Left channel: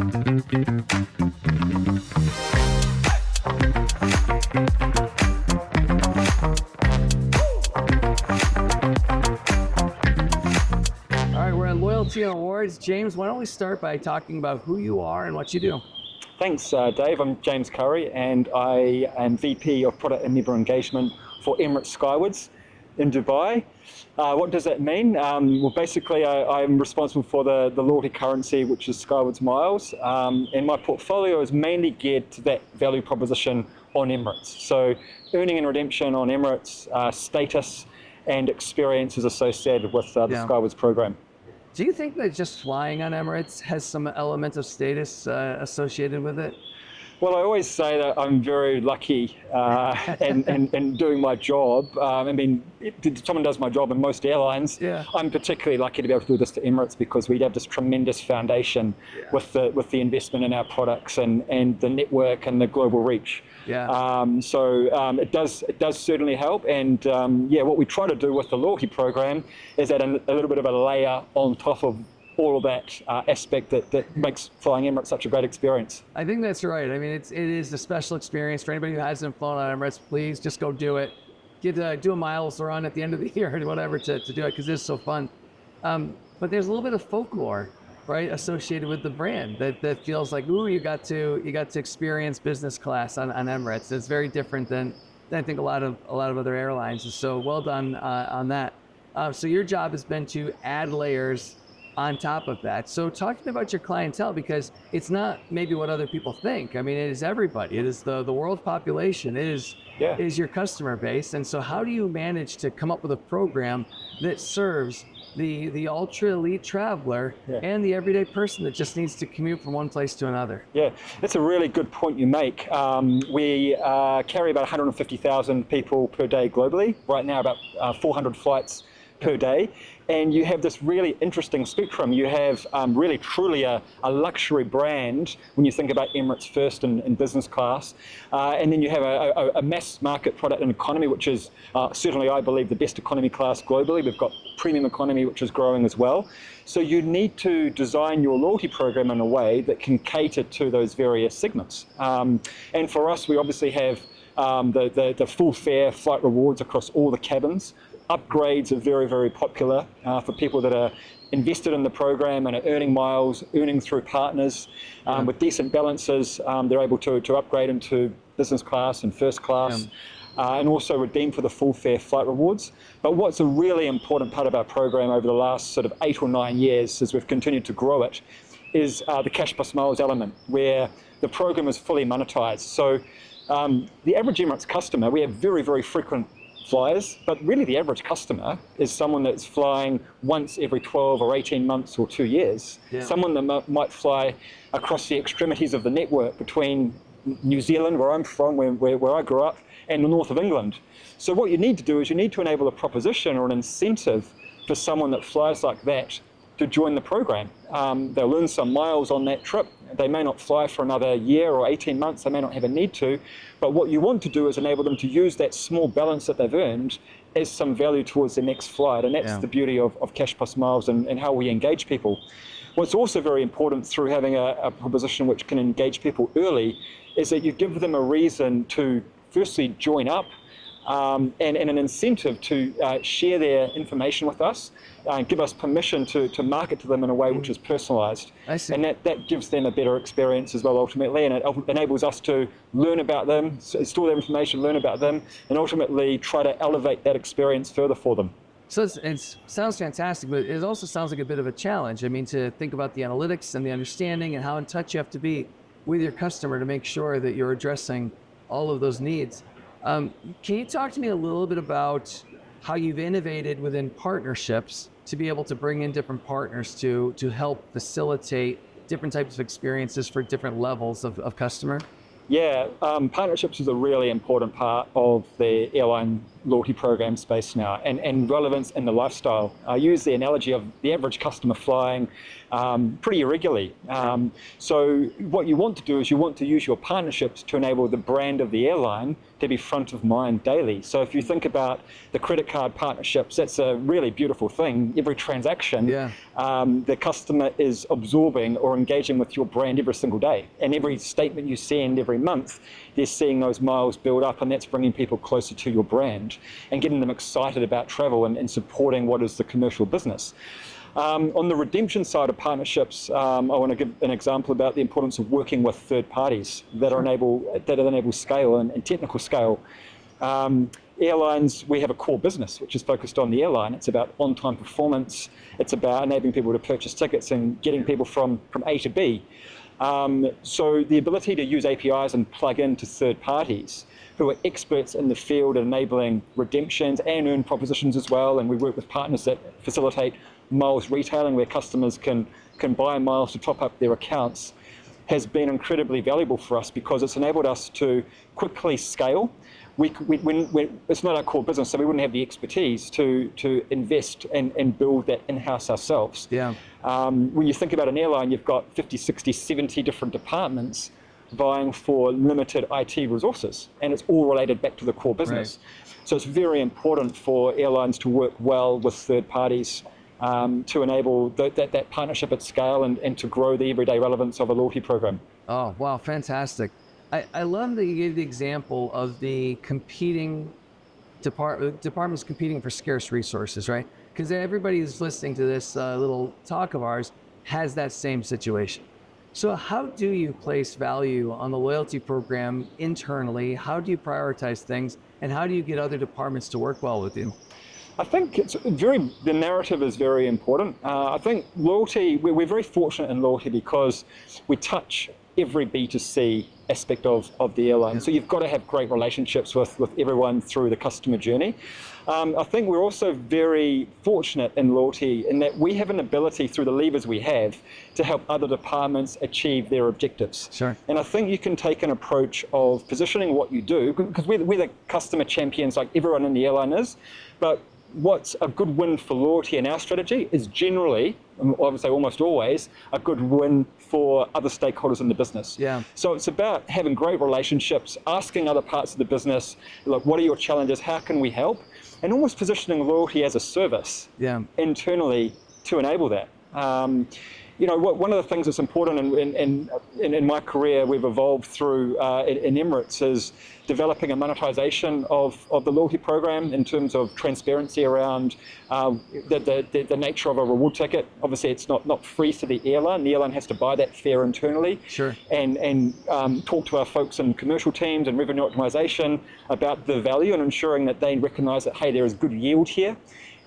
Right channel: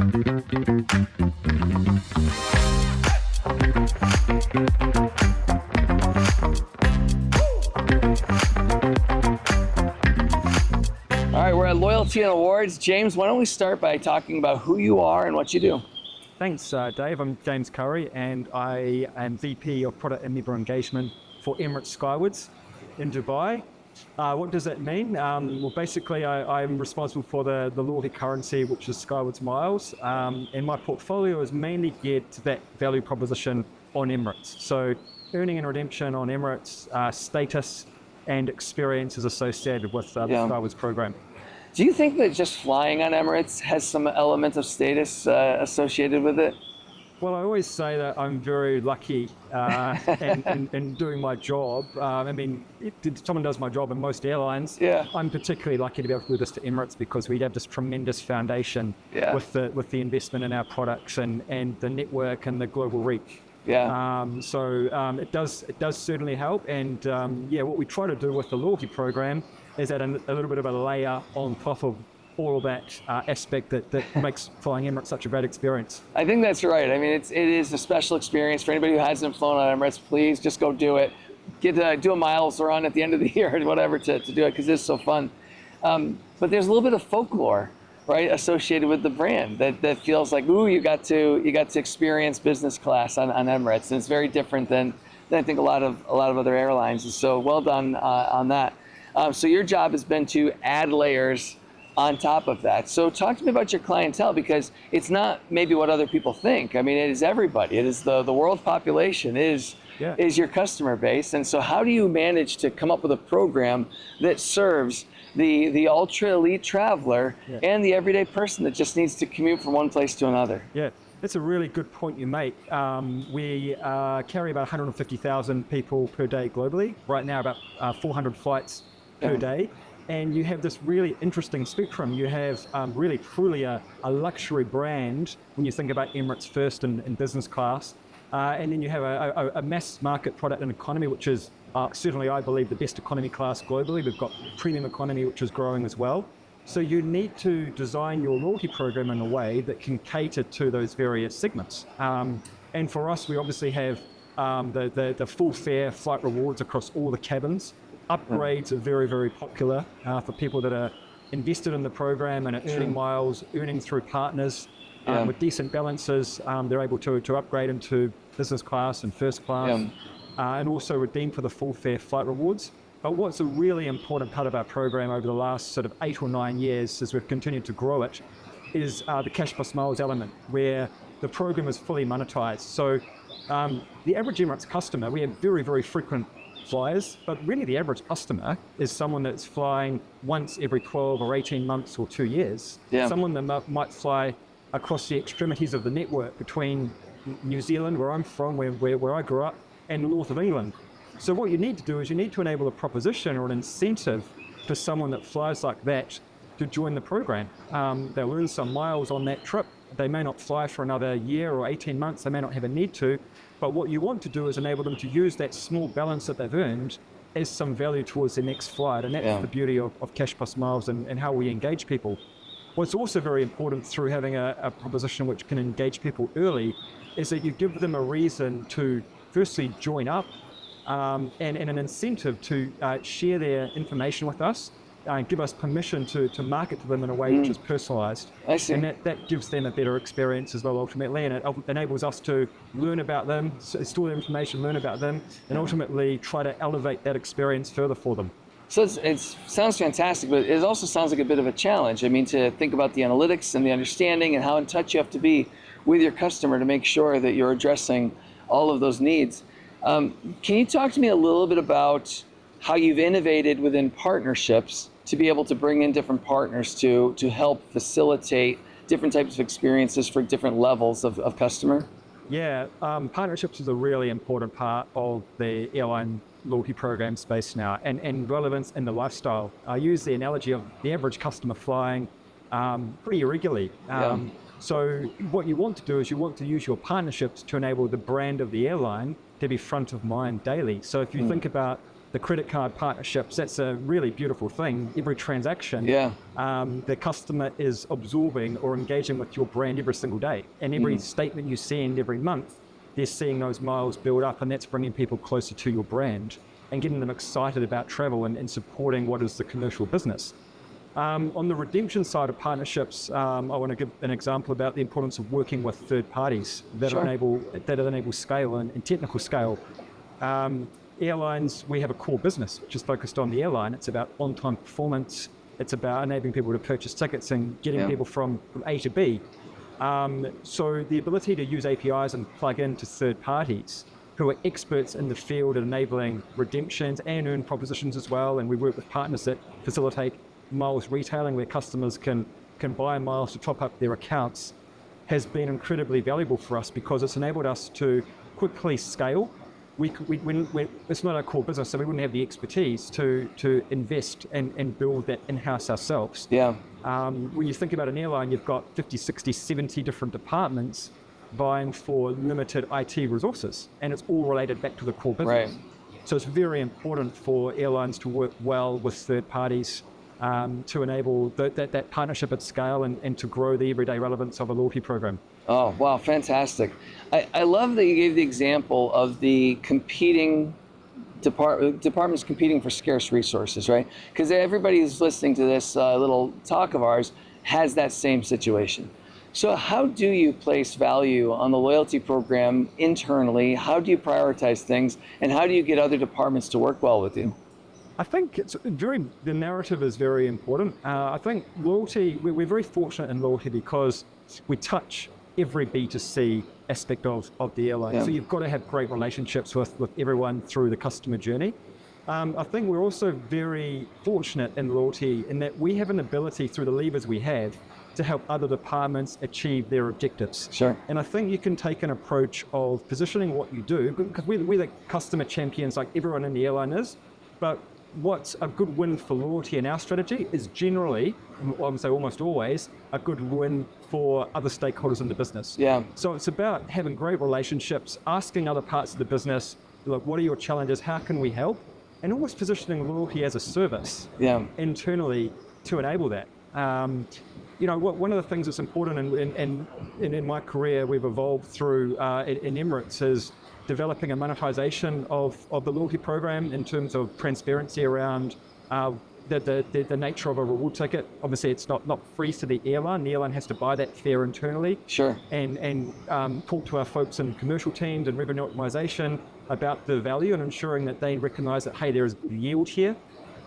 All right, we're at Loyalty and Awards. James, why don't we start by talking about who you are and what you do? Thanks, Dave. I'm James Curry, and I am VP of Product and Member Engagement for Emirates Skywards in Dubai. What does that mean? Well, basically, I'm responsible for the loyalty currency, which is Skywards Miles, and my portfolio is mainly geared to that value proposition on Emirates. So earning and redemption on Emirates, status and experiences associated with the Skywards program. Do you think that just flying on Emirates has some element of status associated with it? Well, I always say that I'm very lucky in doing my job. I mean, if someone does my job in most airlines, I'm particularly lucky to be able to do this to Emirates because we have this tremendous foundation with the investment in our products and the network and the global reach. It does certainly help, and what we try to do with the loyalty program is add a little bit of a layer on top of all of that aspect that makes flying Emirates such a great experience. I think that's right. I mean, it is a special experience for anybody who hasn't flown on Emirates. Please just go do it. Do a miles run at the end of the year or whatever to do it because it's so fun. But there's a little bit of folklore, right, associated with the brand that feels like, ooh, you got to experience business class on Emirates. And it's very different than I think a lot of other airlines. And so well done on that. So your job has been to add layers on top of that. So talk to me about your clientele, because it's not maybe what other people think. I mean, it is everybody. It is the world population is your customer base. And so how do you manage to come up with a program that serves the ultra elite traveler and the everyday person that just needs to commute from one place to another? Yeah, that's a really good point you make. We carry about 150,000 people per day globally. Right now, about 400 flights per day. And you have this really interesting spectrum. You have really truly a luxury brand when you think about Emirates First in business class. And then you have a mass market product and economy, which is certainly, I believe, the best economy class globally. We've got premium economy, which is growing as well. So you need to design your loyalty program in a way that can cater to those various segments. And for us, we obviously have the full fare flight rewards across all the cabins. Upgrades are very, very popular for people that are invested in the program and are earning miles, earning through partners with decent balances. They're able to upgrade into business class and first class and also redeem for the full fare flight rewards. But what's a really important part of our program over the last sort of 8 or 9 years as we've continued to grow it is the cash plus miles element, where the program is fully monetized. So the average Emirates customer, we have very, very frequent flyers, but really the average customer is someone that's flying once every 12 or 18 months or 2 years. Someone that might fly across the extremities of the network between New Zealand, where I'm from, where I grew up, and the north of England. So what you need to do is you need to enable a proposition or an incentive for someone that flies like that to join the program. They'll earn some miles on that trip. They may not fly for another year or 18 months. They may not have a need to. But what you want to do is enable them to use that small balance that they've earned as some value towards their next flight. And that's the beauty of cash plus miles and how we engage people. What's also very important through having a proposition which can engage people early is that you give them a reason to firstly join up and an incentive to share their information with us. Give us permission to market to them in a way which is personalized. I see. And that gives them a better experience as well ultimately, and it enables us to learn about them, store their information, learn about them, and ultimately try to elevate that experience further for them. So it sounds fantastic, but it also sounds like a bit of a challenge. I mean, to think about the analytics and the understanding and how in touch you have to be with your customer to make sure that you're addressing all of those needs. Can you talk to me a little bit about how you've innovated within partnerships to be able to bring in different partners to help facilitate different types of experiences for different levels of customer? Yeah, partnerships is a really important part of the airline loyalty program space now, and relevance in the lifestyle. I use the analogy of the average customer flying pretty irregularly. So what you want to do is you want to use your partnerships to enable the brand of the airline to be front of mind daily. So if you think about the credit card partnerships, that's a really beautiful thing. Every transaction, the customer is absorbing or engaging with your brand every single day. And every statement you send every month, they're seeing those miles build up, and that's bringing people closer to your brand and getting them excited about travel and supporting what is the commercial business. On the redemption side of partnerships, I want to give an example about the importance of working with third parties that enable scale and technical scale. Airlines, we have a core business which is focused on the airline. It's about on-time performance. It's about enabling people to purchase tickets and getting people from A to B. So the ability to use APIs and plug into third parties who are experts in the field at enabling redemptions and earn propositions as well, and we work with partners that facilitate miles retailing where customers can buy miles to top up their accounts, has been incredibly valuable for us because it's enabled us to quickly scale. It's not our core business, so we wouldn't have the expertise to invest and build that in-house ourselves. When you think about an airline, you've got 50, 60, 70 different departments vying for limited IT resources, and it's all related back to the core business. So it's very important for airlines to work well with third parties to enable that partnership at scale and to grow the everyday relevance of a loyalty program. Oh, wow, fantastic. I love that you gave the example of the competing departments competing for scarce resources, right? Because everybody who's listening to this little talk of ours has that same situation. So how do you place value on the loyalty program internally? How do you prioritize things? And how do you get other departments to work well with you? I think the narrative is very important. I think loyalty, we're very fortunate in loyalty because we touch every B2C aspect of the airline. So you've got to have great relationships with everyone through the customer journey. I think we're also very fortunate in loyalty in that we have an ability through the levers we have to help other departments achieve their objectives. And I think you can take an approach of positioning what you do, because we're the customer champions like everyone in the airline is, but what's a good win for loyalty in our strategy is generally, I would say almost always, a good win for other stakeholders in the business. So it's about having great relationships, asking other parts of the business, like, what are your challenges? How can we help? And almost positioning loyalty as a service internally to enable that. One of the things that's important in my career we've evolved through in Emirates is developing a monetization of the loyalty program in terms of transparency around the nature of a reward ticket. Obviously, it's not free to the airline. The airline has to buy that fare internally. And talk to our folks in commercial teams and revenue optimization about the value and ensuring that they recognize that, hey, there is good yield here.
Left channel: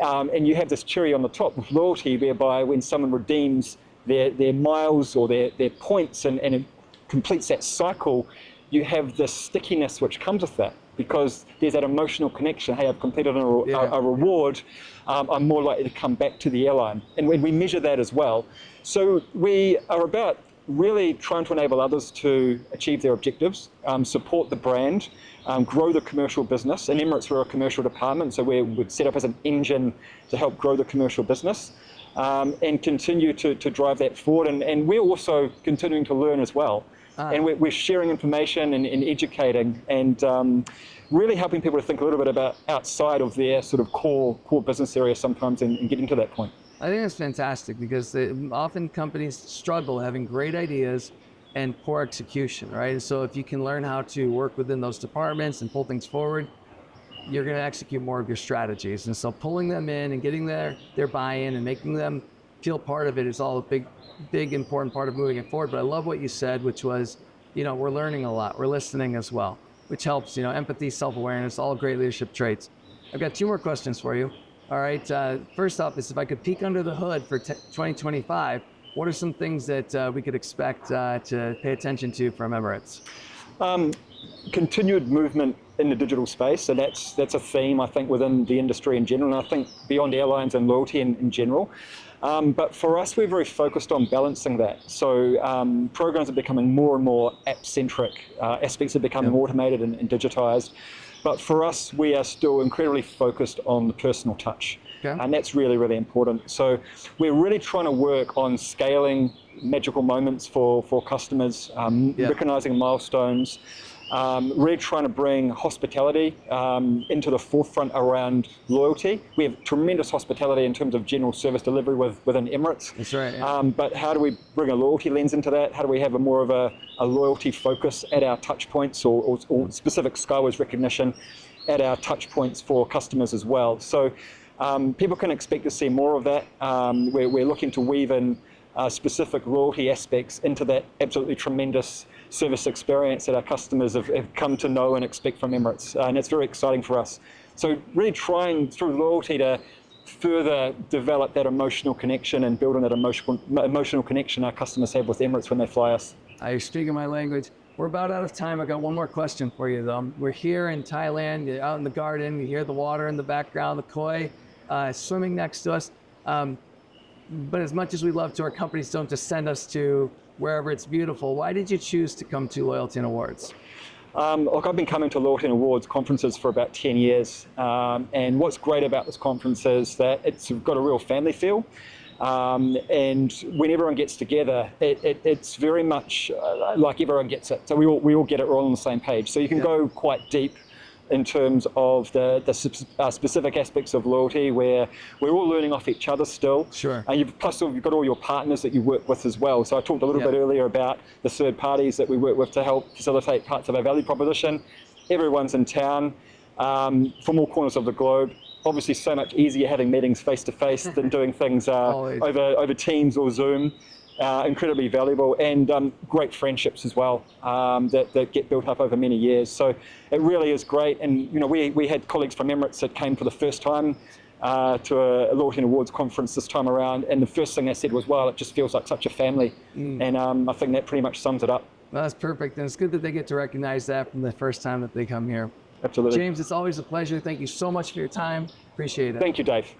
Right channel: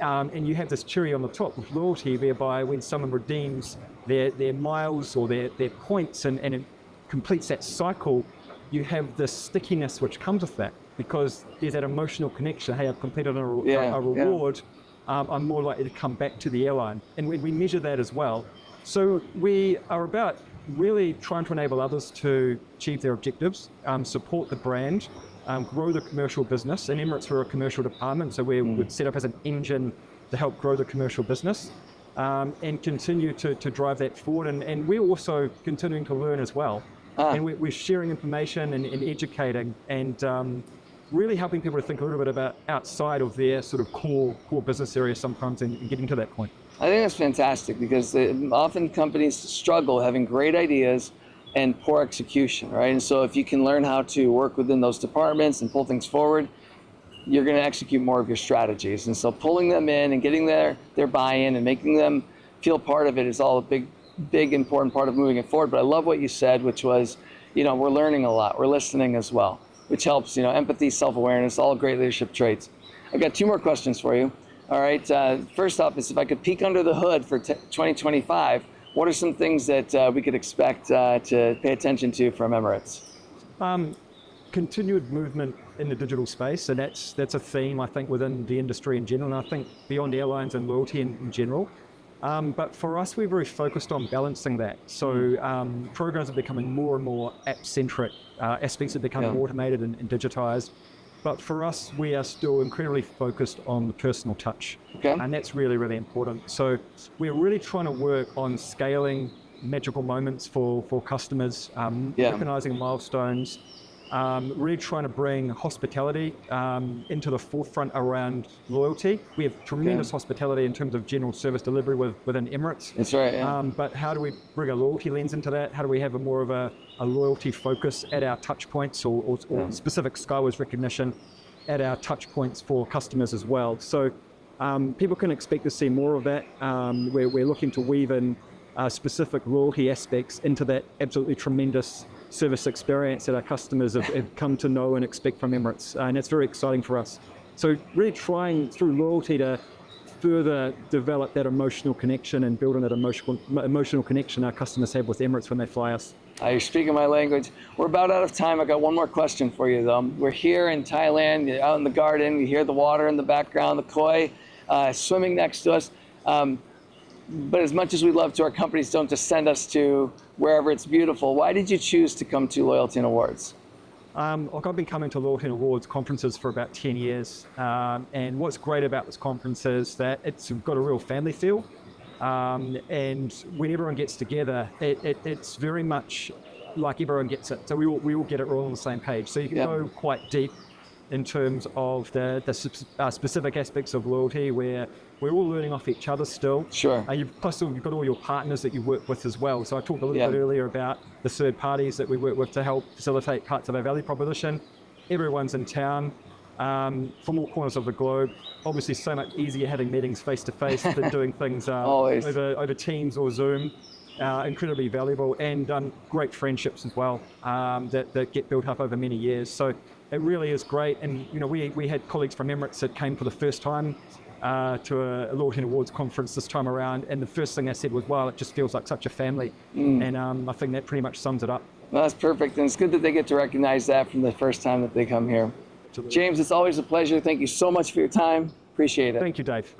And you have this cherry on the top with loyalty, whereby when someone redeems their miles or their points and it completes that cycle, you have the stickiness which comes with that, because there's that emotional connection. Hey, I've completed a reward, I'm more likely to come back to the airline. And when we measure that as well. So we are about really trying to enable others to achieve their objectives, support the brand, grow the commercial business. In Emirates, we're a commercial department, so we're set up as an engine to help grow the commercial business. And continue to drive that forward. And we're also continuing to learn as well. And we're sharing information and educating and really helping people to think a little bit about outside of their sort of core business area sometimes and getting to that point. I think that's fantastic, because often companies struggle having great ideas and poor execution, right? And so if you can learn how to work within those departments and pull things forward, you're going to execute more of your strategies. And so pulling them in and getting their buy-in and making them feel part of it is all a big important part of moving it forward. But I love what you said, which was, we're learning a lot, we're listening as well, which helps, empathy, self-awareness, all great leadership traits. I've got 2 more questions for you. All right, first off is, if I could peek under the hood for 2025, what are some things that we could expect to pay attention to from Emirates? Continued movement in the digital space, so that's a theme, I think, within the industry in general, and I think beyond airlines and loyalty in general. But for us, we're very focused on balancing that. So programs are becoming more and more app-centric. Aspects are becoming automated and digitized. but for us, we are still incredibly focused on the personal touch. Okay. And that's really, really important. So we're really trying to work on scaling magical moments for customers, recognizing milestones, really trying to bring hospitality into the forefront around loyalty. We have tremendous hospitality in terms of general service delivery within Emirates. That's right. Yeah. But how do we bring a loyalty lens into that? How do we have more of a loyalty focus at our touch points or specific Skywards recognition at our touch points for customers as well? So people can expect to see more of that. We're looking to weave in specific loyalty aspects into that absolutely tremendous service experience that our customers have come to know and expect from Emirates, and it's very exciting for us. So really trying through loyalty to further develop that emotional connection and build on that emotional connection our customers have with Emirates when they fly us. You're speaking my language. We're about out of time. I got one more question for you, though. We're here in Thailand, you're out in the garden. You hear the water in the background, the koi swimming next to us. But as much as we love to, our companies don't just send us to wherever it's beautiful. Why did you choose to come to Loyalty and Awards? Look, I've been coming to Loyalty and Awards conferences for about 10 years. And what's great about this conference is that it's got a real family feel. And when everyone gets together, it's very much like everyone gets it. So we all get it, we're all on the same page. So you can go quite deep in terms of the specific aspects of loyalty, where we're all learning off each other still. Sure. Plus you've got all your partners that you work with as well. So I talked a little bit earlier about the third parties that we work with to help facilitate parts of our value proposition. Everyone's in town from all corners of the globe. Obviously so much easier having meetings face to face than doing things over Teams or Zoom. Incredibly valuable, and great friendships as well that get built up over many years. So it really is great. And we had colleagues from Emirates that came for the first time to a Loyalty and Awards conference this time around, and the first thing they said was, "Wow, it just feels like such a family." And I think that pretty much sums it up. Well, that's perfect, and it's good that they get to recognize that from the first time that they come here. Absolutely. James, it's always a pleasure. Thank you so much for your time. Appreciate it. Thank you, Dave.